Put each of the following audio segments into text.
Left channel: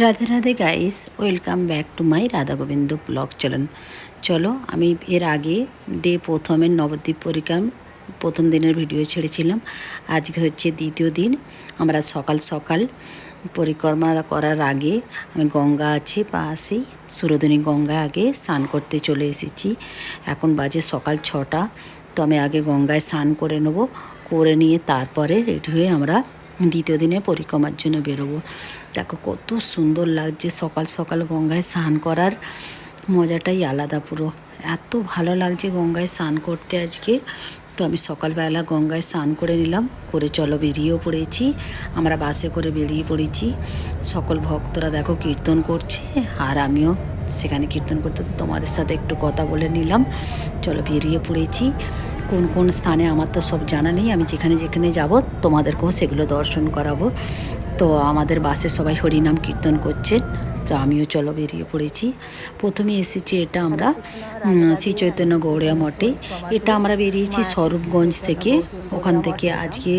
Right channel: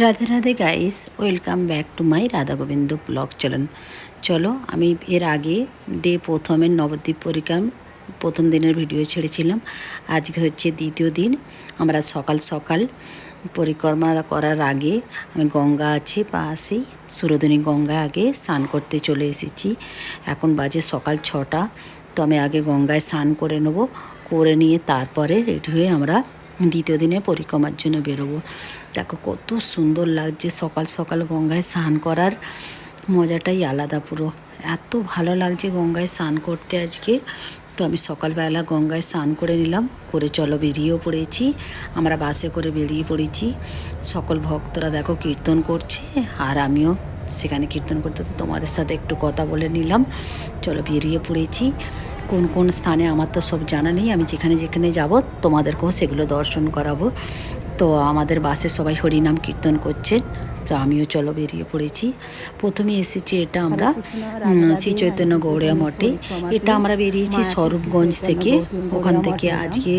Radhe Radhe guys, welcome back to my Radha Gobinda blog channel. চলো, আমি এর আগে প্রথমের নবদ্বীপ পরিক্রম প্রথম দিনের ভিডিও ছেড়েছিলাম। আজকে হচ্ছে দ্বিতীয় দিন। আমরা সকাল সকাল পরিক্রমা করার আগে আমি গঙ্গা আছে পাশেই, সুরধনী গঙ্গা আগে স্নান করতে চলে এসেছি। এখন বাজে সকাল 6টা। তো আমি আগে গঙ্গায় স্নান করে নেব, করে নিয়ে তারপরে রেডি হয়ে আমরা দ্বিতীয় দিনে পরিক্রমার জন্য বেরোবো। দেখো কত সুন্দর লাগছে সকাল সকাল গঙ্গায় স্নান করার মজাটাই আলাদা পুরো। এত ভালো লাগছে গঙ্গায় স্নান করতে আজকে। তো আমি সকালবেলা গঙ্গায় স্নান করে নিলাম, করে চলো বেরিয়েও পড়েছি। আমরা বাসে করে বেরিয়ে পড়েছি। সকল ভক্তরা দেখো কীর্তন করছে, আর আমিও সেখানে কীর্তন করতে তো তোমাদের সাথে একটু কথা বলে নিলাম। চলো বেরিয়ে পড়েছি। কোন কোন স্থানে আমার তো সব জানা নেই, আমি যেখানে যেখানে যাব তোমাদেরকেও সেগুলো দর্শন করাবো। তো আমাদের বাসে সবাই হরিনাম কীর্তন করছেন, তো আমিও চলো বেরিয়ে পড়েছি। প্রথমে এসেছি এটা আমরা শ্রী চৈতন্য গৌড়িয়া মঠে। এটা আমরা বেরিয়েছি স্বরূপগঞ্জ থেকে। ওখান থেকে আজকে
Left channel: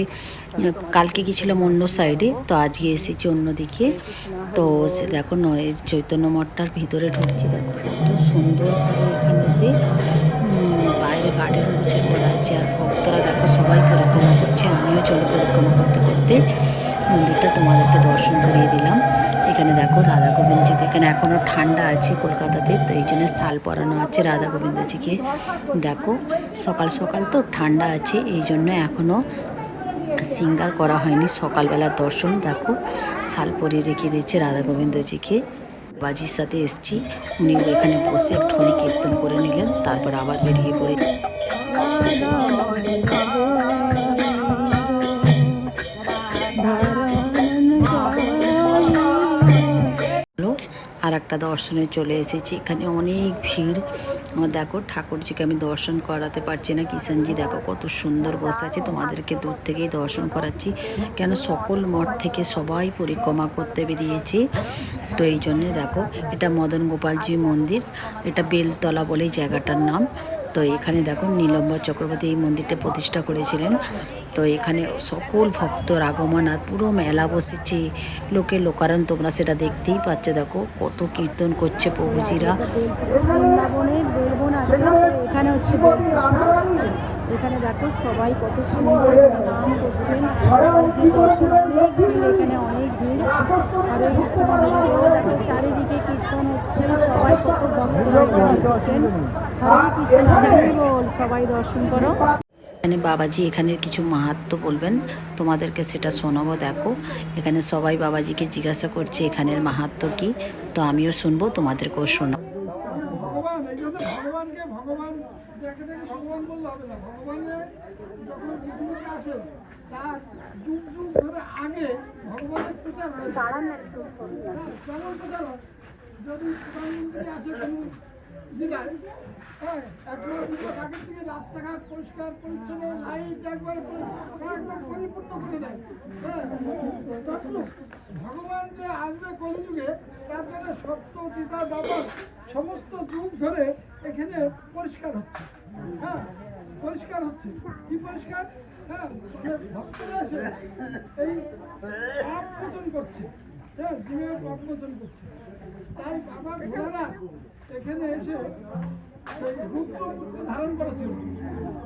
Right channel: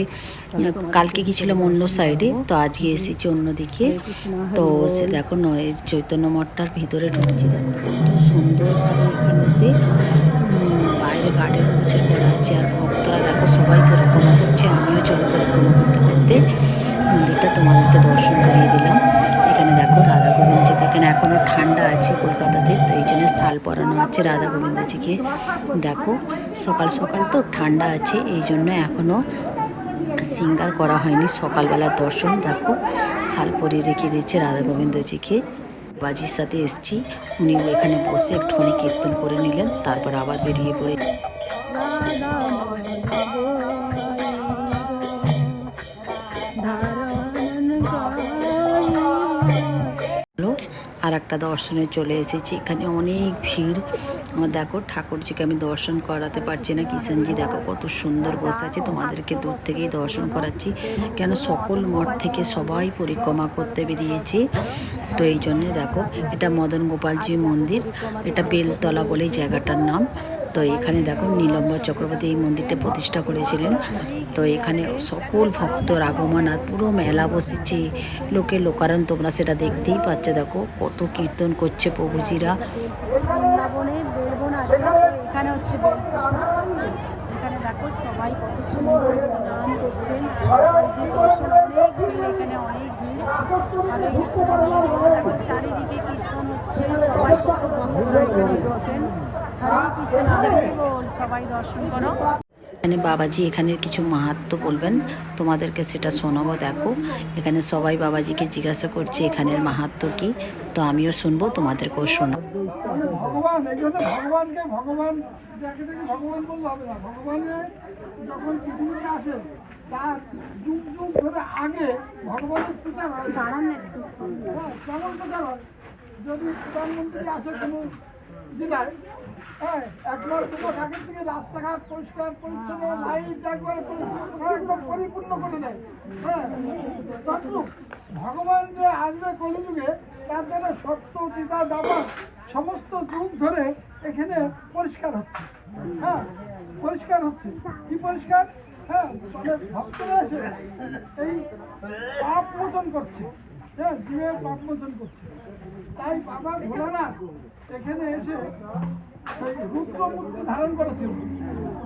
কালকে গেছিলাম অন্য সাইডে, তো আজকে এসেছি অন্যদিকে। তো সে দেখো নয়ের চৈতন্য মঠটার ভিতরে ঢুকছি। দেখো কত সুন্দরভাবে এখানেতে বাইরে গার্ডেন গুছিয়ে করা আছে, আর ভক্তরা দেখো সবাই পরিক্রমা করছে। আমিও চলো পরিক্রমা করতে করতে মন্দিরটা তোমাদেরকে দর্শন করিয়ে দিলাম। এখানে দেখো রাধা গোবিন্দজিকে, এখানে এখনও ঠান্ডা আছে কলকাতাতে, তো এই জন্য শাল পরানো আছে রাধা গোবিন্দজিকে। দেখো সকাল সকাল তো ঠান্ডা আছে, এই জন্য এখনও সিঙ্গার করা হয়নি। সকালবেলার দর্শন দেখো শাল পরিয়ে রেখে দিয়েছে রাধা গোবিন্দজিকে। বাজির সাথে এসছি, উনি এখানে বসে একটুখানি কীর্তন করে নিলেন, তারপর আবার বেরিয়ে পড়ে আর একটা দর্শনে চলে এসেছি। এখানে অনেক ভিড়। আমার দেখো ঠাকুরজিকে আমি দর্শন করাতে পারছি না, কিষানজি দেখো কত সুন্দর বসে আছে। তোমাদেরকে দূর থেকেই দর্শন করাচ্ছি, কেন সকল মঠ থেকে সবাই পরিক্রমা করতে বেরিয়েছে। তো এই জন্যে দেখো এটা মদন গোপালজি মন্দির, এটা বেলতলা বলেই জায়গাটার নাম। তো এখানে দেখো নীলম্বর চক্রবর্তী এই মন্দিরটা প্রতিষ্ঠা করেছিলেন। তো এখানে সকল ভক্তর আগমন, আর পুরো মেলা বসেছে, লোকে লোকারণ, তোমরা সেটা দেখতেই পাচ্ছ। দেখো কত কীর্তন করছে প্রভুজিরা। বৃন্দাবনে বেলবন আছে, এখানে হচ্ছে এখানে দেখো সবাই কত সুন্দর নাম করছেন। আর দর্শন অনেক ভিড়, এখানে অনেক ভিড়। হরে কৃষ্ণ দেখো চারিদিকে কীর্তন হচ্ছে, সবাই কত ভক্তরা এখানে এসেছেন। হরে কৃষ্ণ হরি বল, সবাই দর্শন করো। এখানে বাবাজি এখানের কিছু মাহাত্ম্য বলবেন, তোমাদেরকে সেটা শোনাবো। দেখো এখানে সবাই বাবাজিকে জিজ্ঞাসা করছে এখানের মাহাত্ম্য কি, তো আমিও শুনবো, তোমাদেরকেও শোনাবো। ভগবান এই জন্য ভগবানকে ভগবান যাকে দেখে ভগবান বললে হবে না। ভগবানের যখন পৃথিবীতে আসে তার যুগ যুগ ধরে আগে ভগবানের প্রচার হয়। কেমন প্রচার হয়? যদি প্রধানমন্ত্রী আসে কোনো জেলায়, হ্যাঁ, 1 মাস 2 মাস আগের থেকে রাস্তাঘাট পরিষ্কার পরিচ্ছন্ন, লাইট একবারে একদম পরিপূর্ণ করে দেয়। হ্যাঁ, তদ্রূপ ভগবান যে আসবে কলিযুগে, তার জন্য সত্য চিতা দাবা সমস্ত যুগ ধরে এখানে পরিষ্কার হচ্ছে। হ্যাঁ, পরিষ্কার হচ্ছে। কি পরিষ্কার? হ্যাঁ, মানে ভক্তরা এসে এই পাপ মোচন করছে। হ্যাঁ, জীবের পাপ মোচন করছে। তাই বাবা ভোলানাথ এখানে এসে রুদ্রমূর্তি ধারণ করেছিল।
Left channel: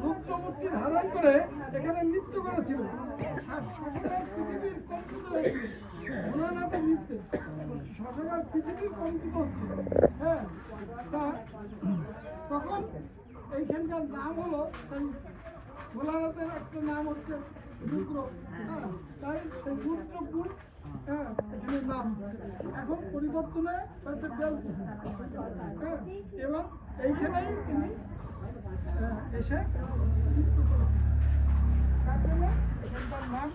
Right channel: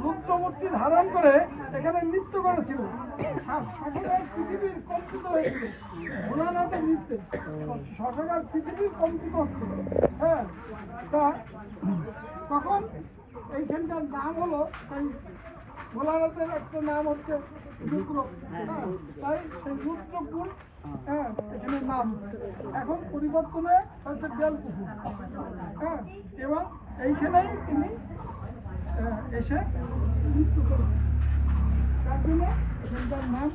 রুদ্রমূর্তি ধারণ করে এখানে নৃত্য করেছিল। শতকার পৃথিবীর কম্পিত হয়েছিল ভোলানাথের নৃত্যে। শতকার পৃথিবীর কম্পিত হচ্ছে। হ্যাঁ, তা তখন এইখানকার নাম হলো, এই ভোলানাথের একটা নাম হচ্ছে রুদ্র। হ্যাঁ, তাই সেই রুদ্রপুর, হ্যাঁ, এখানে নাম এখন পরিবর্তনে হচ্ছে বেলপুকুর। হ্যাঁ, এবং এইখানেই তিনি এসে মৃত্যু করেছেন। তার জন্য এখানকার নাম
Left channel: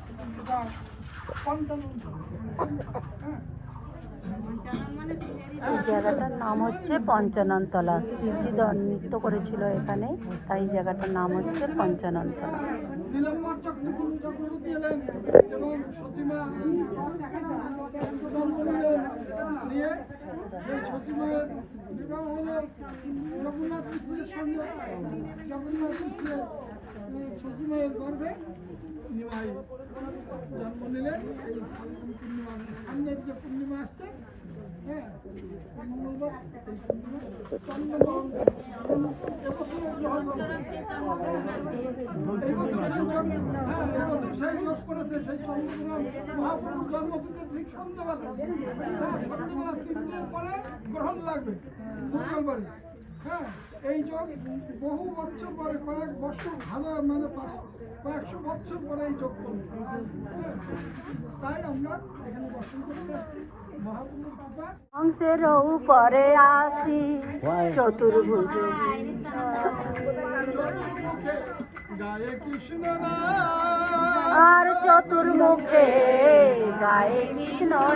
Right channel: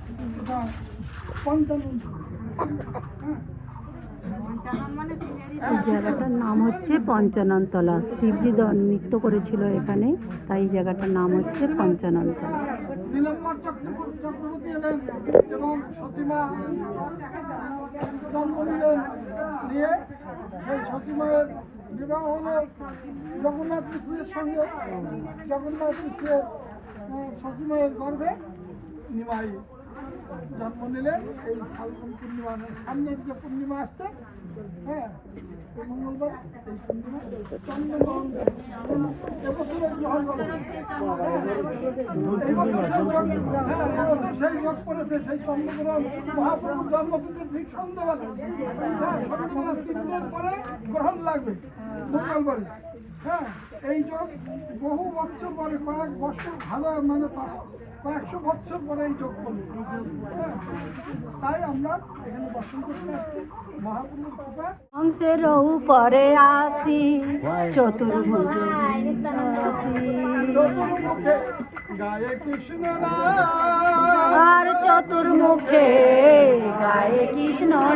পঞ্চানন। হ্যাঁ, এই জায়গাটার নাম হচ্ছে পঞ্চাননতলা। শিবজি নৃত্য করেছিল এখানে, তাই এই জায়গাটার নাম হচ্ছে পঞ্চাননতলা। নীলম্বর চক্রবর্তী এলেন এবং সতীমা জন্ম নিলেন। নিয়ে সেই সতীমায়ের বিবাহ হলো জগন্নাথ মিশ্রের সঙ্গে। জগন্নাথ মিশ্রের সতীমায়ের গর্ভে নিমাই জন্ম নিলেন। এই ফাল্গুন পূর্ণিমা, সামনের যে পূর্ণিমা আসছে হ্যাঁ এই মঙ্গলবার এই পূর্ণিমা চন্দ্রগ্রহণ এবছর গ্রহণ করবে। সেই যোগ পড়েছে সেই চন্দ্রগ্রহণ মহাপ্রভুর জন্মতিথি ঠিক সন্ধ্যাবেলা, হ্যাঁ সন্ধ্যাবেলা 3 দিন পরে গ্রহণ লাগবে মঙ্গলবারে। হ্যাঁ এই যোগ বহু বছর পরে কয়েক বছর হাজার মানে কয়েকশো বছর পরে এই যোগ করবে। তাই আমরা এখানে দর্শন করতে আসছি মহাপ্রভুর কৃপা। হংসের উপরে আসি চতুর্মুখে গায়ে কৃষ্ণ আর চতুর্মুখে গায়ে কৃষ্ণ আর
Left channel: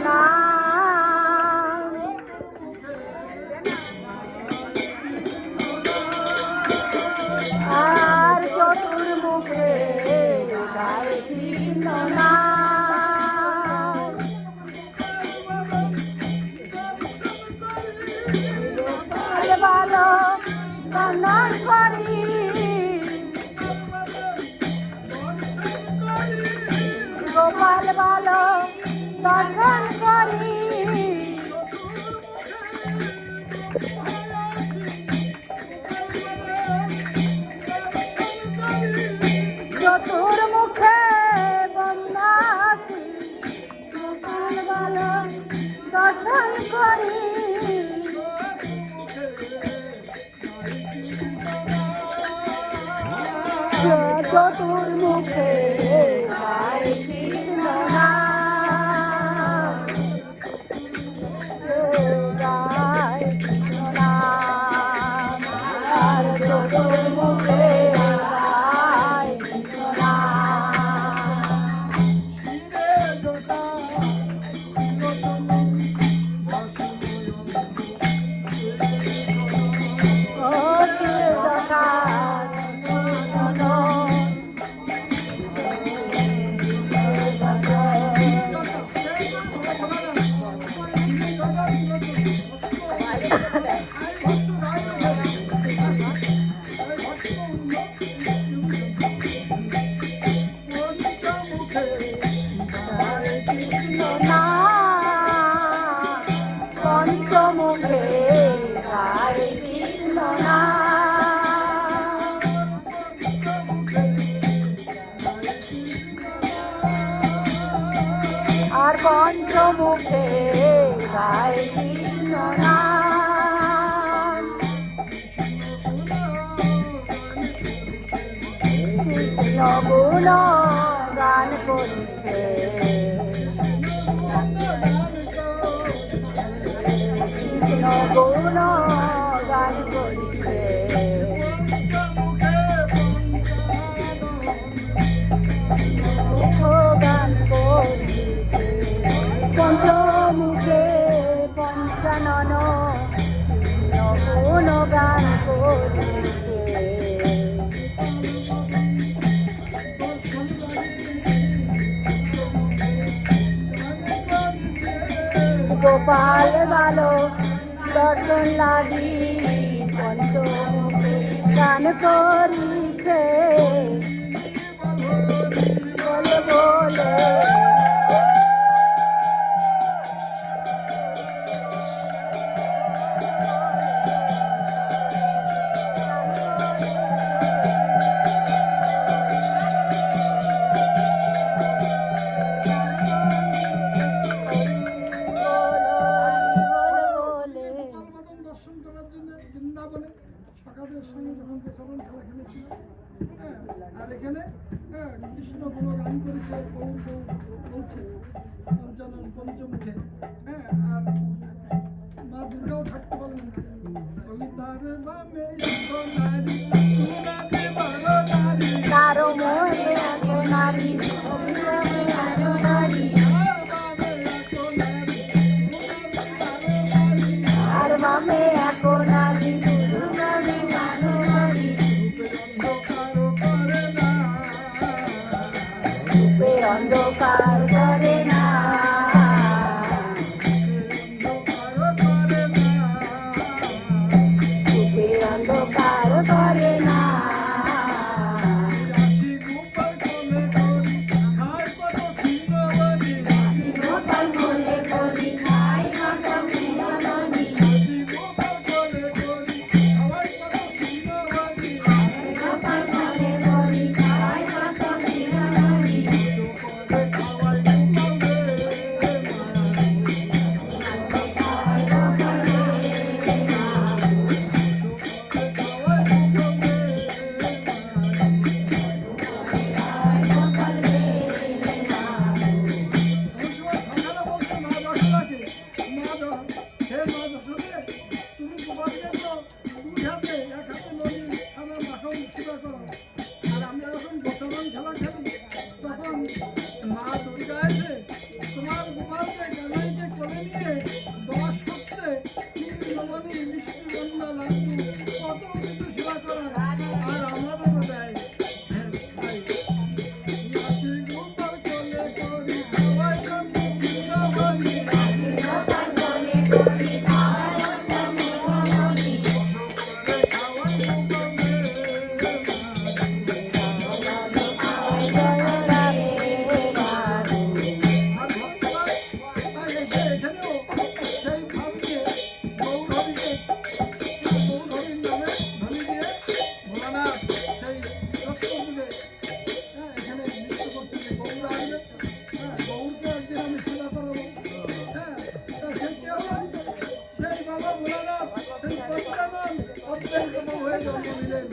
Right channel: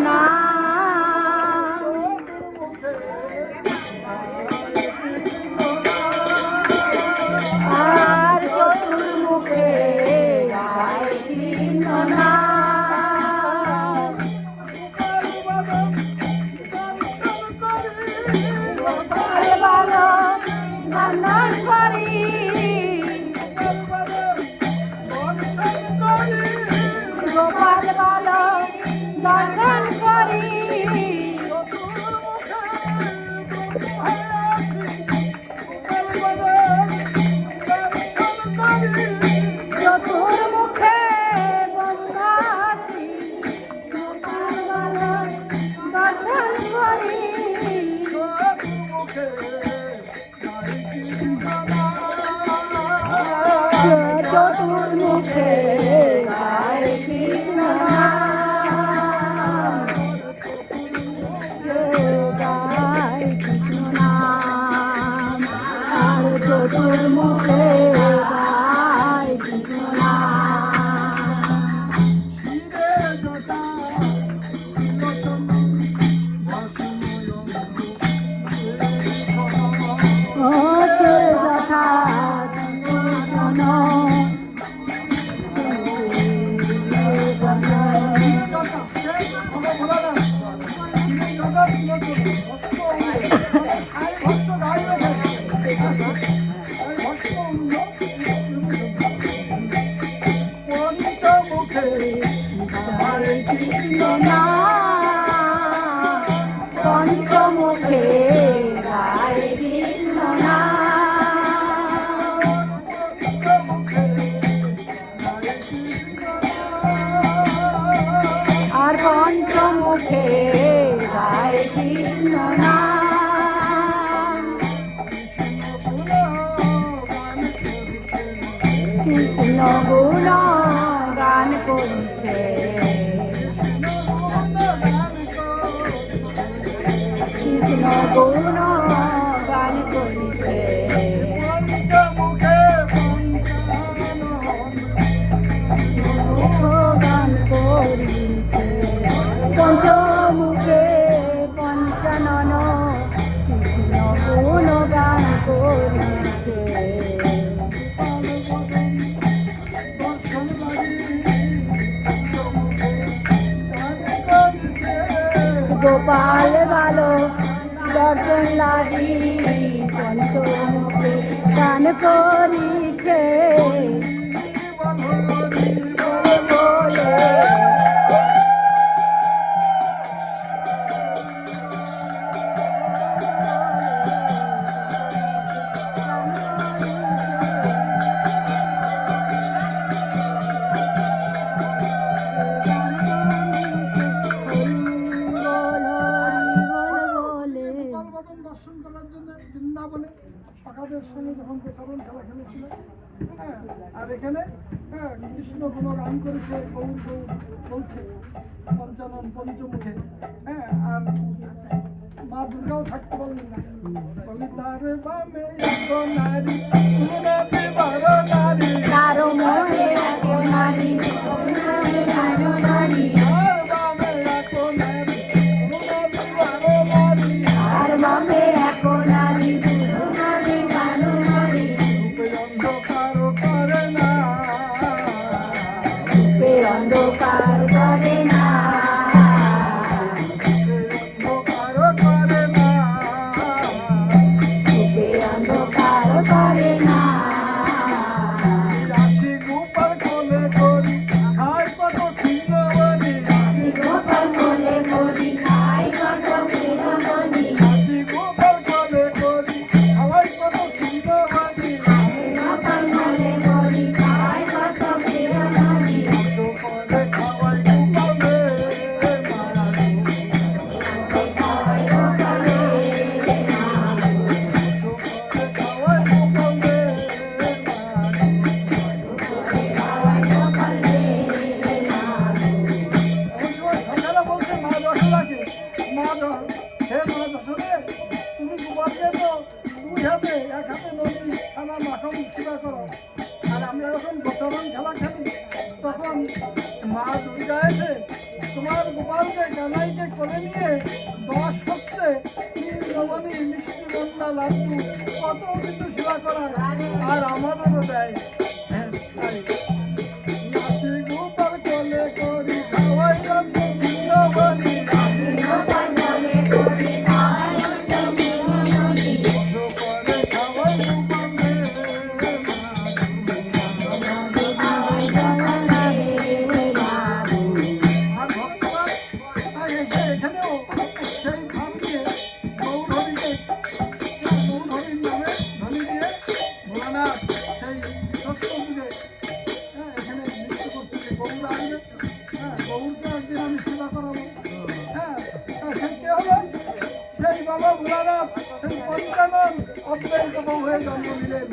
চতুর্মুখে গায়ে কৃষ্ণ গান করছে কৃষ্ণ গৌর গান করছে গান করছে মুখে পঞ্চানন কৃষ্ণ গৌর গান করছে গোপাল বালক দর্শন লাগি পঞ্চমুখে গান করিছে দর্শন করার জন্য বৃন্দাবনে সখাদের সঙ্গে যখন প্রচলন খেলা খেলেছিল, হ্যাঁ আর এখানে কৃষ্ণ গুণ গান করেছে গৌর গৌর বলছে পঞ্চানন পঞ্চমুখে। হ্যাঁ আর মা দুর্গাও থাকতে পারলেন না, বলি তার বামে এক নারী তুলনাতে বারো নারী কারো মনে এক নারী কারো নারী আর বামে এক নারী তুলনাতে বারো নারী আর মনে এক নারী তোমারে কারো নারী রূপে অন্ধকার করে না, রূপে অন্ধকার করে না অন্ধকার করে না, রূপে অন্ধকার করে না হে বলে শোনে তুমি গোপালকে তো 2 হাতে 1 হাতে নদী থানা মাখন সেবা করো, আর আমরা যখন বচরণ খেলা খেলি তখন মা দুর্গা এসে তোমার গোপালকে কানাইকে কোলে নিয়ে 10 সপ্তাহে নবনী মিষ্টি গন্ডা লাড্ডু কত কিছু সেবা করা, আর আমাদেরও দেয়। হ্যাঁ তাই নাচি গোপাল কোলে করি খাওয়াই রান্না নবনী হয়ে জন্ম নিলেন।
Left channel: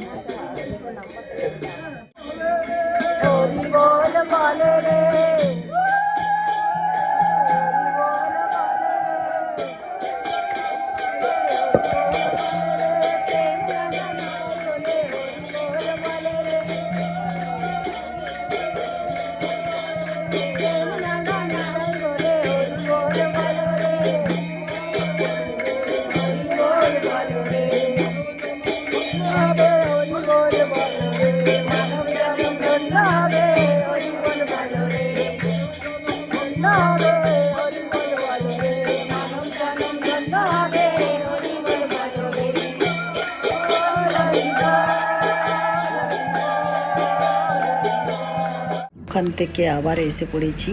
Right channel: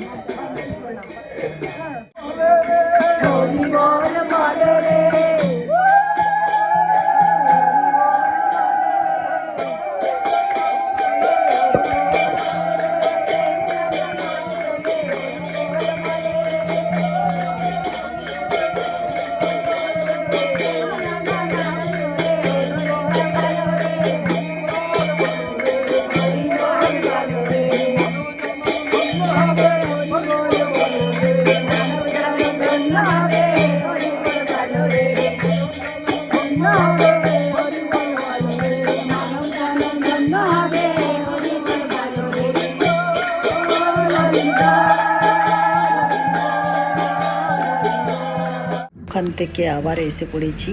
ওখান থেকে আবার এসে পড়েছি।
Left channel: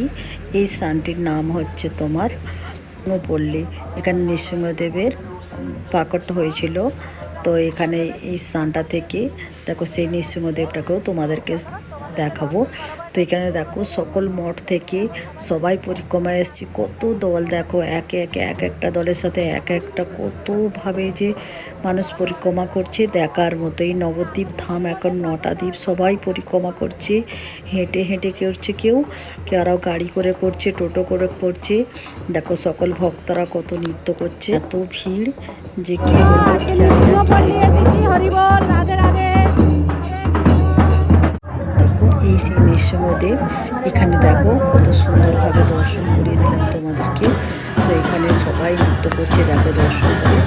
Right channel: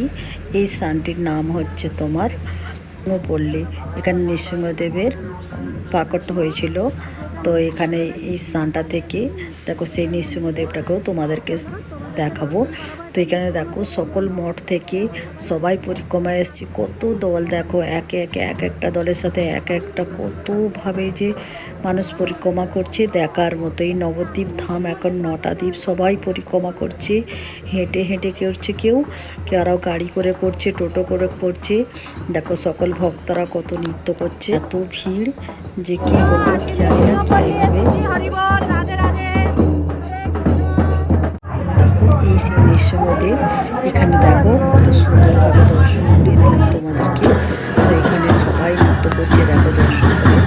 এই স্থানটির নাম হচ্ছে তোমার পল্লী। এখানে নৃসিংহদেবের প্রাকট্য হয়েছিল। তো এখানে এই স্থানটা থেকে দেখো সেই নৃসিংহদেবটাকেও তোমাদেরকে দেখাবো। তো এখানে দেখো সকল মঠ থেকে সবাই পরিক্রমায় এসেছি। কত দল দেখো, একে একে এক একটা দলের সাথে এক একটা কতভাবে যে মানুষ পরিক্রমা করছে দেখার মতো। এই নবদ্বীপ ধাম এখন 9টা দ্বীপ সবাই পরিক্রমা করছে, হেঁটে হেঁটে করছে, কেউ আরও গাড়ি করে করছে, টোটো করে করছে। দেখো সকল ভক্তরা কত নৃত্য করছে, এত ভিড় যে কি বলবো জানি না এইভাবে। দেখো এই সেই নৃসিংহদেব, এখানে দেখো কত সুন্দরভাবে দর্শন করিয়ে দিলাম তোমাদেরকে। তো এখানে সবাই নৃত্য করছে, দেখো দর্শন করো।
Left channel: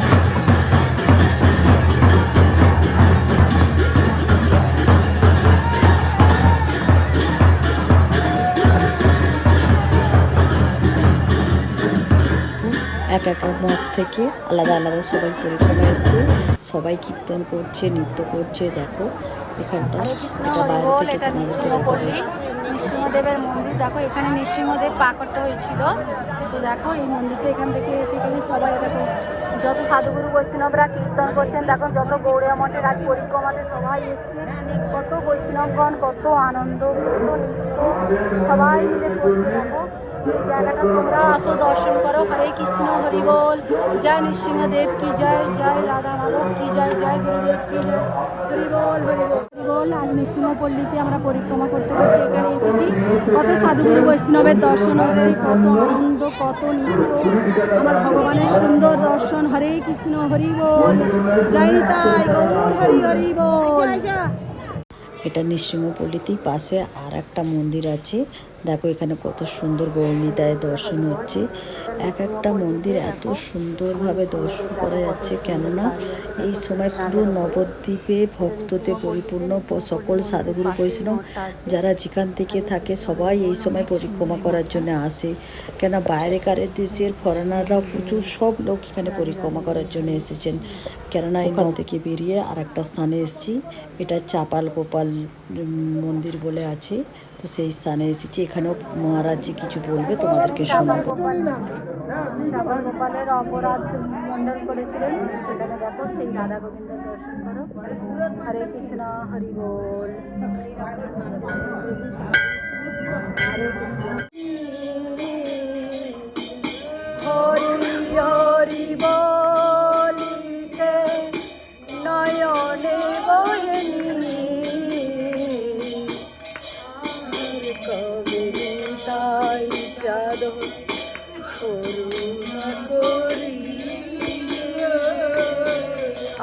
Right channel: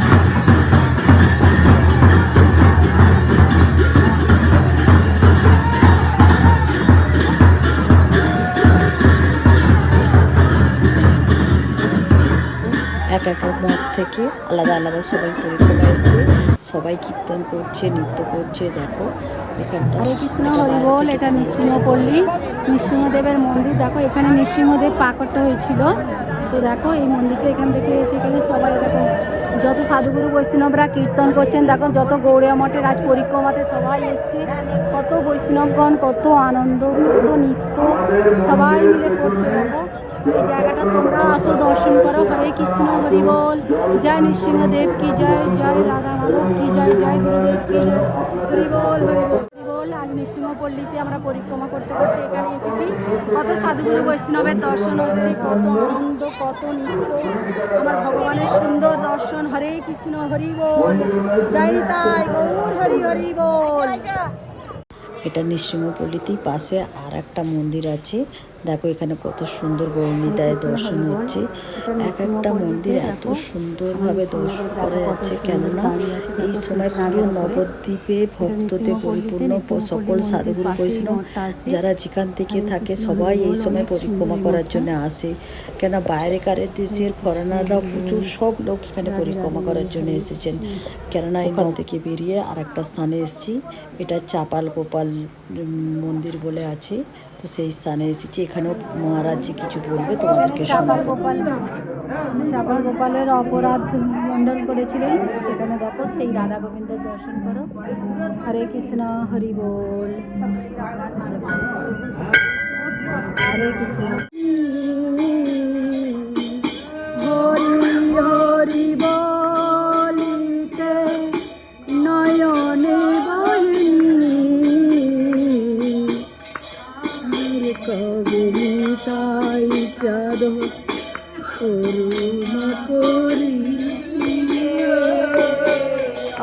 এক এক মঠ থেকে আলাদা আলাদা সবাই পরিক্রমা এসছে, সবাই কীর্তন করছে, নৃত্য করছে। দেখো এখানটা এটা বাইরে থেকে তোমাদেরকে দেখো। নৃসিংহদেবের মন্দির দেখো, এখানে নৃসিংহদেব প্রাকট্য হয়েছিল। তো দেখো এই মন্দিরটা এখান থেকে এসে এখানে সবাই দেখো যত সাধুগুরু বৈষ্ণবরা কীর্তন করছেন, দেখো যত গৌড়িয়া মঠের আজ পরিক্রমাতে সবাই এসছে, কত বৈষ্ণবগণ, কত আনন্দ, কত নৃত্য সবাই মিলে করছে। দেখো এই জায়গাটা তোমরা আসো, দর্শন করো। হরে কৃষ্ণ, হরি বল, জয় নৃসিংহদেব কি জয়, জয় রাধা মাধব কি জয়, জয় গুরুদেব কি জয়, হরি বল হরি বল হরি বল। আজ নৃসিংহপল্লীতে আমরা পরিক্রমা করতে করতে এখানে এসেছি। কত সাধুগুরু বৈষ্ণবের দর্শন হচ্ছে, কত আনন্দ, কত নৃত্য, আমার ভগবানের সুন্দর দর্শন। হরে কৃষ্ণ, হরি বল, জয় নিতাই গৌর, হরি হরি বল। এটা নৃসিংহপল্লীতেই পাশে আর একটা মন্দির আছে। দেখো এখানে কত সুন্দর গৌরনিতায় দর্শন হচ্ছে। এক একটা মন্দির এত সুন্দরভাবে দর্শন করা যাচ্ছে, কেননা এই সময় পুরো নবদ্বীপে ভক্ততে পরিপূর্ণ। সকল সাধুগুরু বৈষ্ণব যারা যেখান থেকে থাকে সবাই এই সময় পরিক্রমা করার জন্য আসে, কেন বাইরেকার দেশের ফরেনাররাও প্রচুর সব লোক এখানে পরিক্রমা করার জন্য এসেছেন। কেননা এখান থেকে বেরিয়ে আর একটা স্থানে এসেছি, এটা চাপাল গোপাল মন্দির বলে আছে। তো সেই স্থানে এসেছি, এখানেও মহারাজ কিছু বলবে তোমাদেরকে শোনাবো। চাপাল গোপালের অপরাধ মণ্ডন করেছিলেন, এখানে দেখো সেই রাধা গোবিন্দের দর্শন করো। হরে কৃষ্ণ, হরি বল, হরে কৃষ্ণ, হরি হরি বলিতে নয়নে বয়নি, কবি তাই চাঁদ করুণা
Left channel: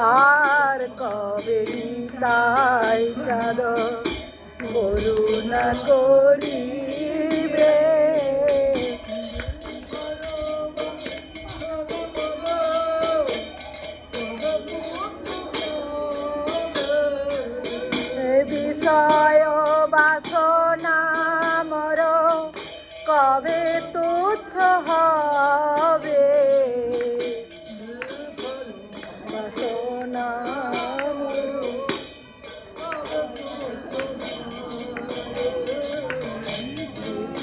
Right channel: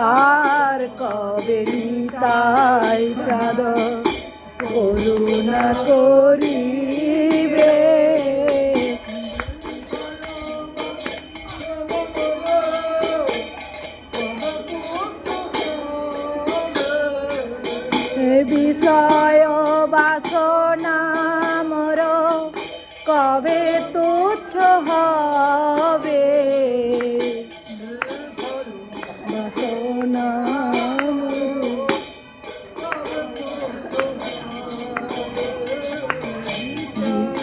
আর কবে তাই প্রাণ করুণা করিবে। বিষয় বাসনা মোর কবে তুচ্ছ হবে, বাসনা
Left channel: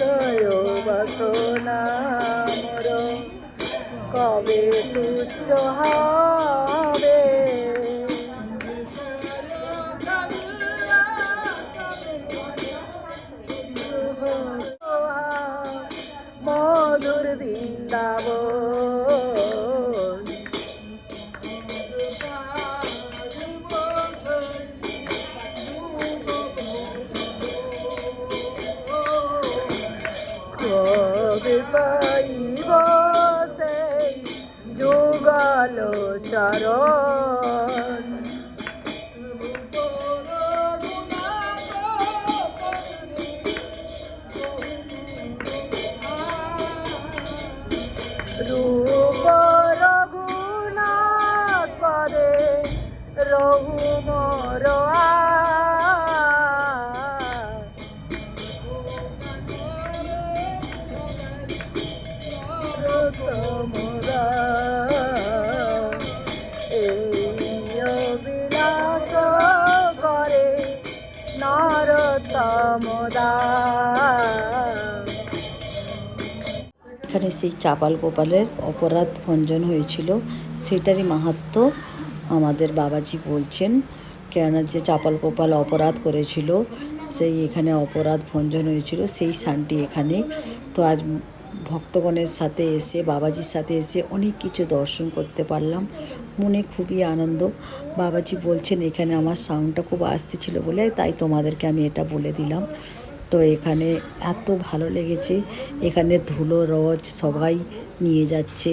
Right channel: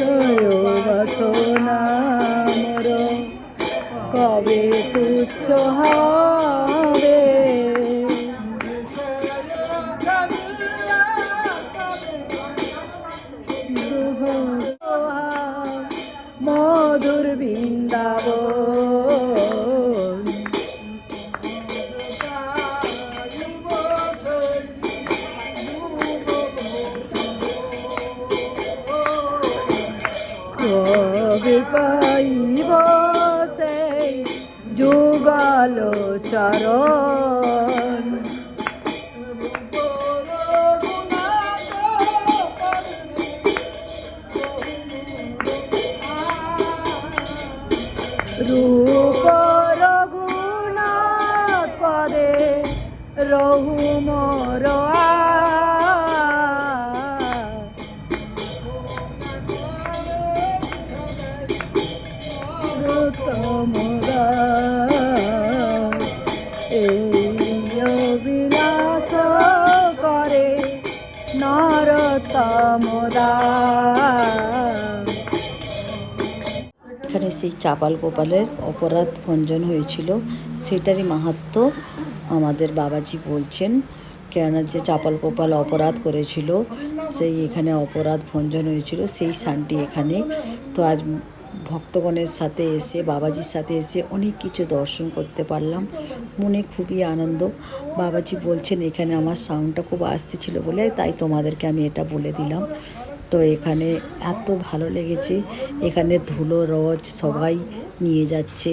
বিষয় বাসনা মোর কবে তুচ্ছ হবে। মধুর বৃন্দাবন কবে পাইব সেই যুগল চরণ, রূপ রঘুনাথ পদে রঘু মোর এই অবিনাশ করে নরতম দাস। এখানে সেই চাপাল গোপালের অপরাধ ভঞ্জন হয়েছিল, সেটারই মাহাত্ম্য আমাদের বাবাজি বলছেন। কেননা যে চাপাল গোপাল অপরাধ করেছিল, সেই এখানে অপরাধ ভঞ্জন হয়েছিল, সেই স্থানটি এখানে। তো আজ ভক্তগণের সাথে এসে, বাবাজির সাথে এসে অনেক কিছু দর্শন করতে পারলাম, মনে খুবই আনন্দ। বাবাজি বলছেন এখানে আমার সাউন্ডটা খুব আসতে ছিল বলে তাই তোমাদেরকে আমি এটা বলে দিলাম। তো এখানে এত ভালো লেগেছে, এখানে ধুলো রজ সবাই নিয়ে যাচ্ছে,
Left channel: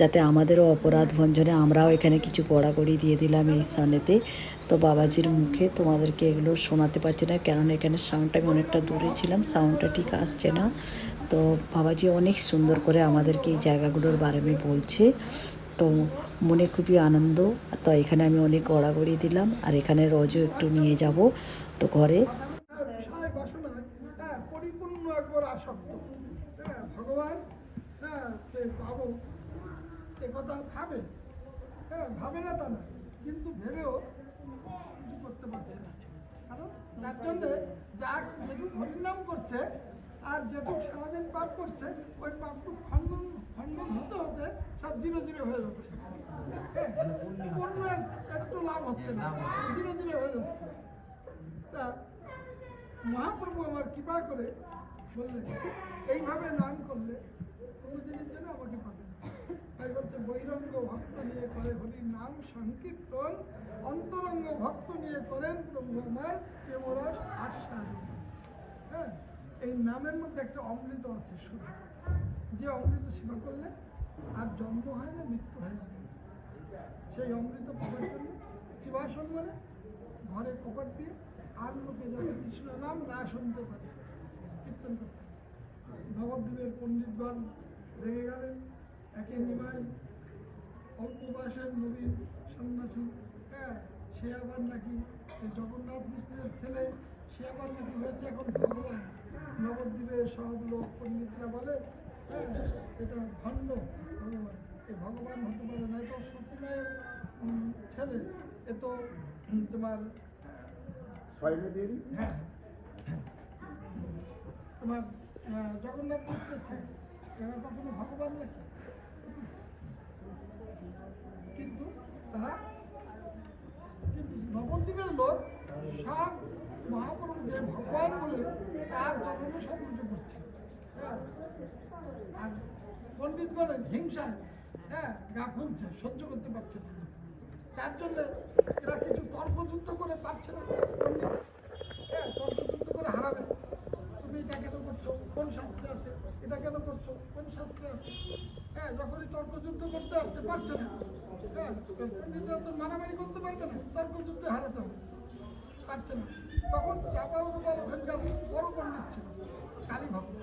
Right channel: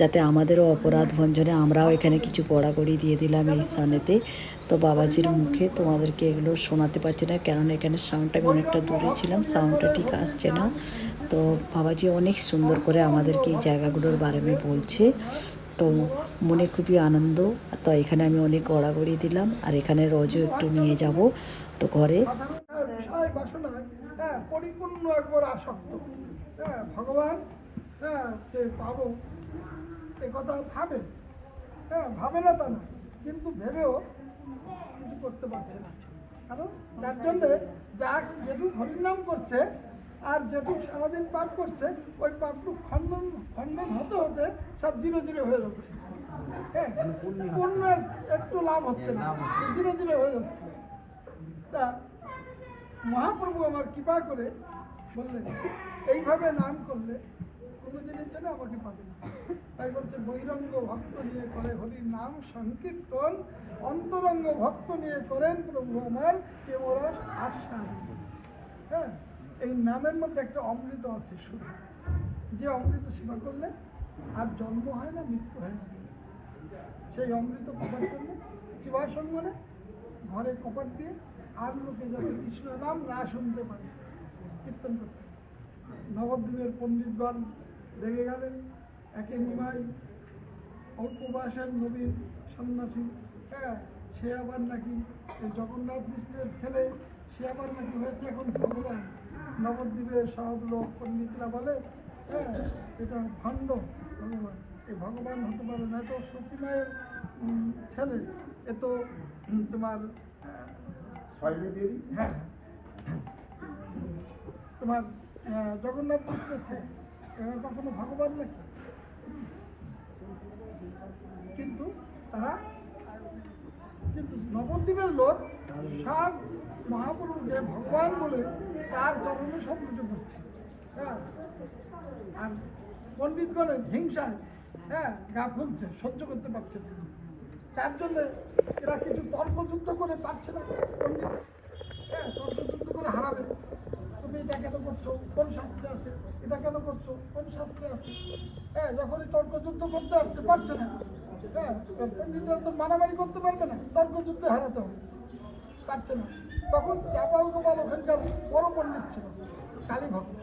যাতে আমাদেরও অপরাধ ভঞ্জনে আমরাও এখানে কিছু গড়াগড়ি দিয়ে দিলাম এই স্থানেতে। তো বাবাজির মুখে তোমাদেরকে এগুলো শোনাতে পারছি না, কেননা এখানে সাউন্ডটা আমি অনেকটা দূরে ছিলাম, সাউন্ডটা ঠিক আসছে না। তো বাবাজি অনেক সুন্দর করে আমাদেরকে এই জায়গাগুলোর বারে বলছে, তো মনে খুবই আনন্দ। তো এখানে আমি অনেক গড়াগড়ি দিলাম, আর এখানে রোজও একটু নিয়ে যাব তো ঘরে। বিষয় বাসনায় পরিপূর্ণ একবার আসক্ত। ভগবান কে পাবো এ কথা ভাবে, ভাবে না তা না, কিন্তু ভেবেও কিছু করতে পারছে না। কারণ তার জন্যে যা যেটুক হরিনাম করছে আর যেটুক সারাদিন পাপ করছে, ওই পাপটুক খণ্ডন খণ্ডন হতে হতে সব জিরো জিরো হয়ে যাচ্ছে। পুণ্যের একটু লাভ হচ্ছে না, জিরো জিরো হয়ে যাচ্ছে। তা মহাপ্রভু আমার কৃপা করে বললেন এইভাবে নাম করলে কোনোদিনের জন্য আমাকে পাবে না। তাই বলছে বহিরঙ্গ ভক্ত নিয়ে করে হরির নাম সংকীর্তন, অন্তরঙ্গ ভক্ত নিয়ে করেন প্রভু আমার কেবরস আশ্বাস। এই নামের মধ্যে একটা অমৃত আছে শুধু, যে অমৃত সেবা করলে আর জন্ম হয় না, মৃত্যু হয় না। সেই অমৃত পাবার জন্য শিবাসঙ্গনে ঘরে কপাট দিয়ে আর লোকে যাতে কৃষ্ণ নাম না শুনতে পারে কীর্তন করতে। নবদ্বীপের পণ্ডিতগণ রেগে গেলেন, একে নিমাই অল্প বয়সের নবীন সন্ন্যাসী, সে আবার নাকি এই জগন্নাথ মিশ্রের ছেলে, সে আবার নাকি হয়েছে এখন ভগবান। নবদ্বীপের সব লোক পণ্ডিতরা বলে এটা ভণ্ড ভগবান, এই ভগবান হতে পারে না, এত সতী মায়ের ছেলে, এ তো তোমার হ্যাঁ তোমার জগন্নাথ মিশ্রের ছেলে, এরা কখনো ভগবান নাকি? কিন্তু তারা কিন্তু নবদ্বীপের লোক সব মহাপ্রভুকে ভগবান বলে তার চরণে সব লুটে পড়ছে। আর পণ্ডিতগণের হিংসায় গা ফুলছে, সহ্য করতে পারছে না। তার জন্য এরা কিছু তর্কযুদ্ধ করে পারছে না। তর্কযুদ্ধ করে হারাবে, তুমি এটা কেন করছো, কোন শাস্ত্রে আছে, এটা কেন করছো, কোন শাস্ত্রে আছে। যখনই তর্কযুদ্ধ করতে আসতে পারছে না, পণ্ডিতরা তো মারামারি করতে পারবে না, তর্ক যুদ্ধে হারাতে হবে, পারছে না। তখন চাপাল গোপাল ওখানকার বড় পণ্ডিত ছিল, কালী ভক্ত।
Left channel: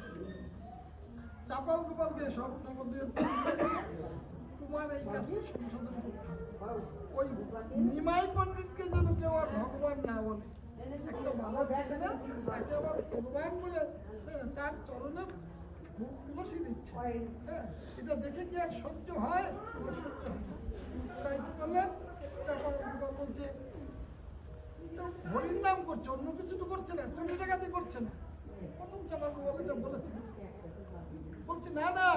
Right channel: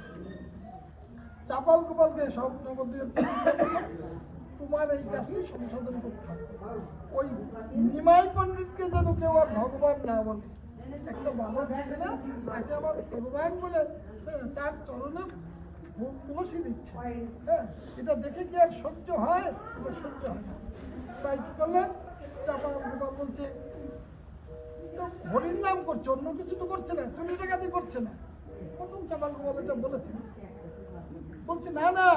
চাপাল গোপালকে সব নবদ্বীপের তোমার এই কাজটি সংশোধন করতে হবে। ওই নিমাই পণ্ডিতকে যেন কেউ আর ভগবান না বলে। একটা বাবা ছেলে তাকে আবার ভগবান বলে তার চরণে তুলসী দিচ্ছে, হ্যাঁ, এটা দেখে কি আর সহ্য হয়? এটা সহ্য হয় না। তাই কি করলেন, চাপাল গোপাল বলছে হরির নাম করছে, অন্য কিছু তো করছে না, চুরি ডাকাতি করছে না। প্রথম চাপাল গোপাল এটা বলেছে, বলছে না না,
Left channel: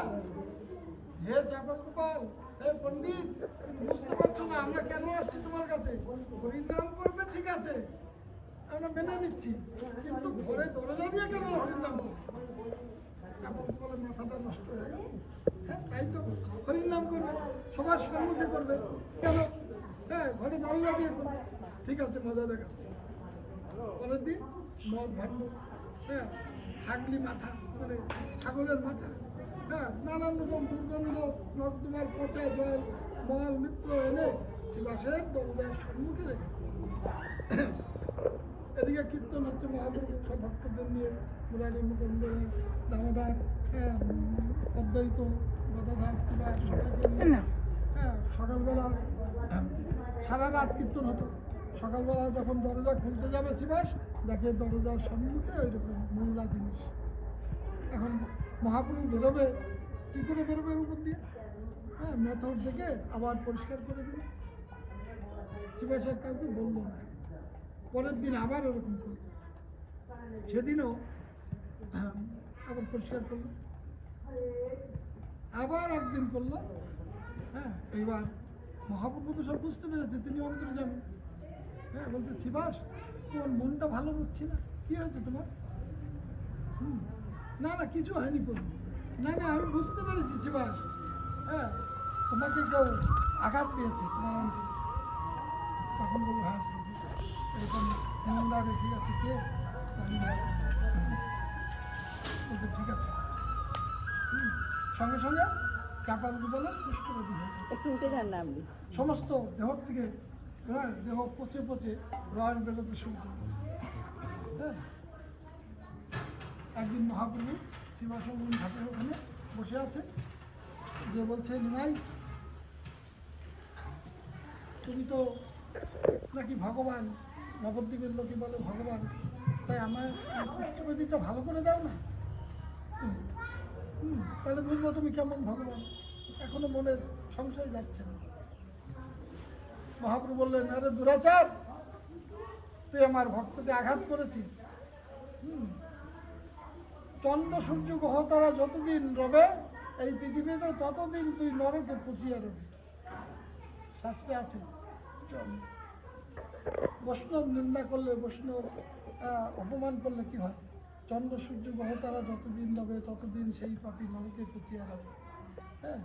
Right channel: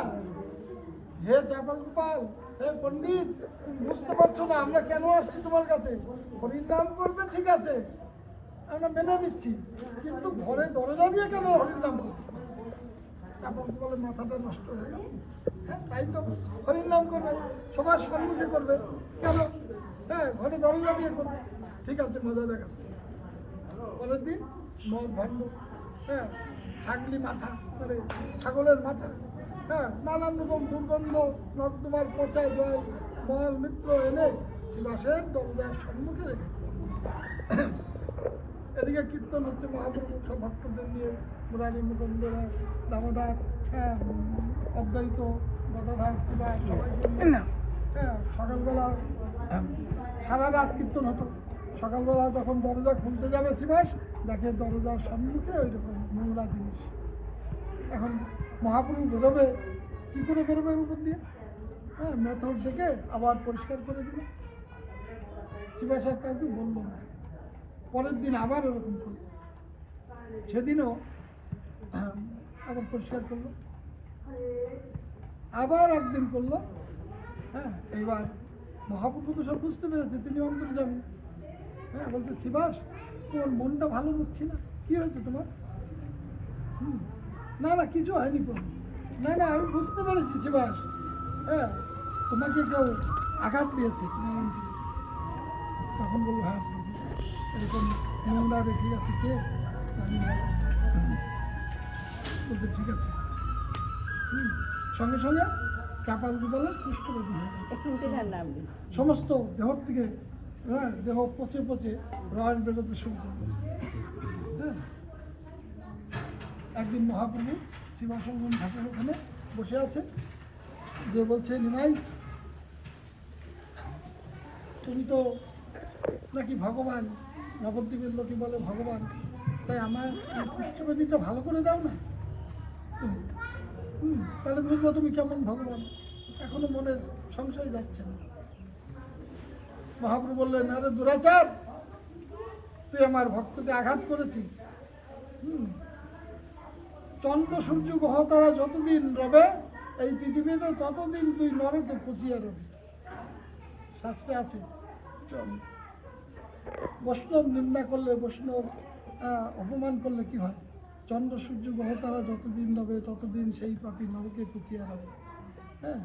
হে চাপাল গোপাল, হে পণ্ডিত, তুমি বুঝতে পারছো না আমরা কেন আসছি তোমার কাছে। হরির নাম করবে ঠিক আছে, আমরা মেনে নিচ্ছি, কিন্তু ঘরে দরজা দিয়ে কেন হরির নাম করবে? চাপাল গোপালের মাথাটা নষ্ট হয়ে গেল। হ্যাঁ, তাই তো হরির নাম করবে, সবার সম্মুখে করবে কেন? হ্যাঁ, ঘরে দরজা দিয়ে করবে, ঠিক আছে, মজা দেখাচ্ছে। পরের দিন মদ ভাঙল, হ্যাঁ, ছাগলি মাথা, মানে ছাগলের মাথা, হ্যাঁ, নানান রকম দুর্গন্ধ, নর্দমার পচা জল, মল মিত্র এনে শিবাসের দরজার সম্মুখে রেখে। এদিকে কীর্তন হচ্ছে, মহাপ্রভু সব ভক্তদের নিয়ে, মুরারি মুকুন্দরা, দামোদর, হ্যাঁ, অদ্বৈত, গদাধর, শিবা, সবাইকে নিয়ে, হ্যাঁ, সকালবেলা সারা রাত কীর্তন হতো। সকালবেলা যখন দরজা খুলতে যাবে শিবাস, দেখে দরজার সম্মুখে ওই রকম নোংরা জিনিস। এখন মহাপ্রভু বেরোবে, কী করে বেরোবে উপর দিয়ে? হ্যাঁ, মেথর থেকে আবার পরিষ্কার করে দিল। শিবাস আর কাউকে বললো না। পরের দিন আবার ওরকম করলো, সেদিনও আবার পরিষ্কার করলো, আবার একদিন করলো। হ্যাঁ, এইবার মহাপ্রভু তো সব বুঝতে পেরেছে, তিনি অন্তরে যাবেন। হ্যাঁ, বলছে শিবাস, তোমার মনটা ভালো বুঝছি না, কি হয়েছে তোমার? না না, কিছু হয়নি প্রভু। না না, আমি বুঝতে পেরেছি শিবাস, হ্যাঁ, তোমাকে কেউ আঘাত দিয়েছে। তখন বলবো হ্যাঁ প্রভু, এরকম নোংরা রেখে গেছে কে? বলতে ঠিক আছে। সঙ্গে সঙ্গে চাপাল গোপালের কুষ্ঠব্যাধি হয়ে গেল, সমস্ত দেহ থেকে, হ্যাঁ, দেহ পচে পচে রস বেরোতে শুরু করলো। হ্যাঁ, একদিন মহাপ্রভু শিবাসঙ্গম ঘাটের ওখানে বসে আছে, যে বলছে নিমাই, তুমি তো নাকি ভগবান, নবদ্বীপের লোকে বলে ভগবান, তাই আমার কুষ্ঠব্যাধিটা ভালো করে দাও না তুমি। তাহলে বুঝবো তুমি কেমন ভগবান। এখনো মনে সংশয় যাচ্ছে না। মহাপ্রভু বললেন, আরে দুরাচার, তুই আমার ভক্তকে আঘাত করেছিস। চন্দ্র সূর্য গ্রহ তারা যতদিন রবে এই পৃথিবীতে, ততদিন তুই নরকে পুচিয়ে রবি। শাস্ত্রে আছে, বৈষ্ণব নিন্দা করলে, বৈষ্ণব অপমান করলে কি হয়? চন্দ্র সূর্য গ্রহ তারা যতদিন রবে ততদিন সেই পাপি নরকে পুচিয়ে রবে। হ্যাঁ,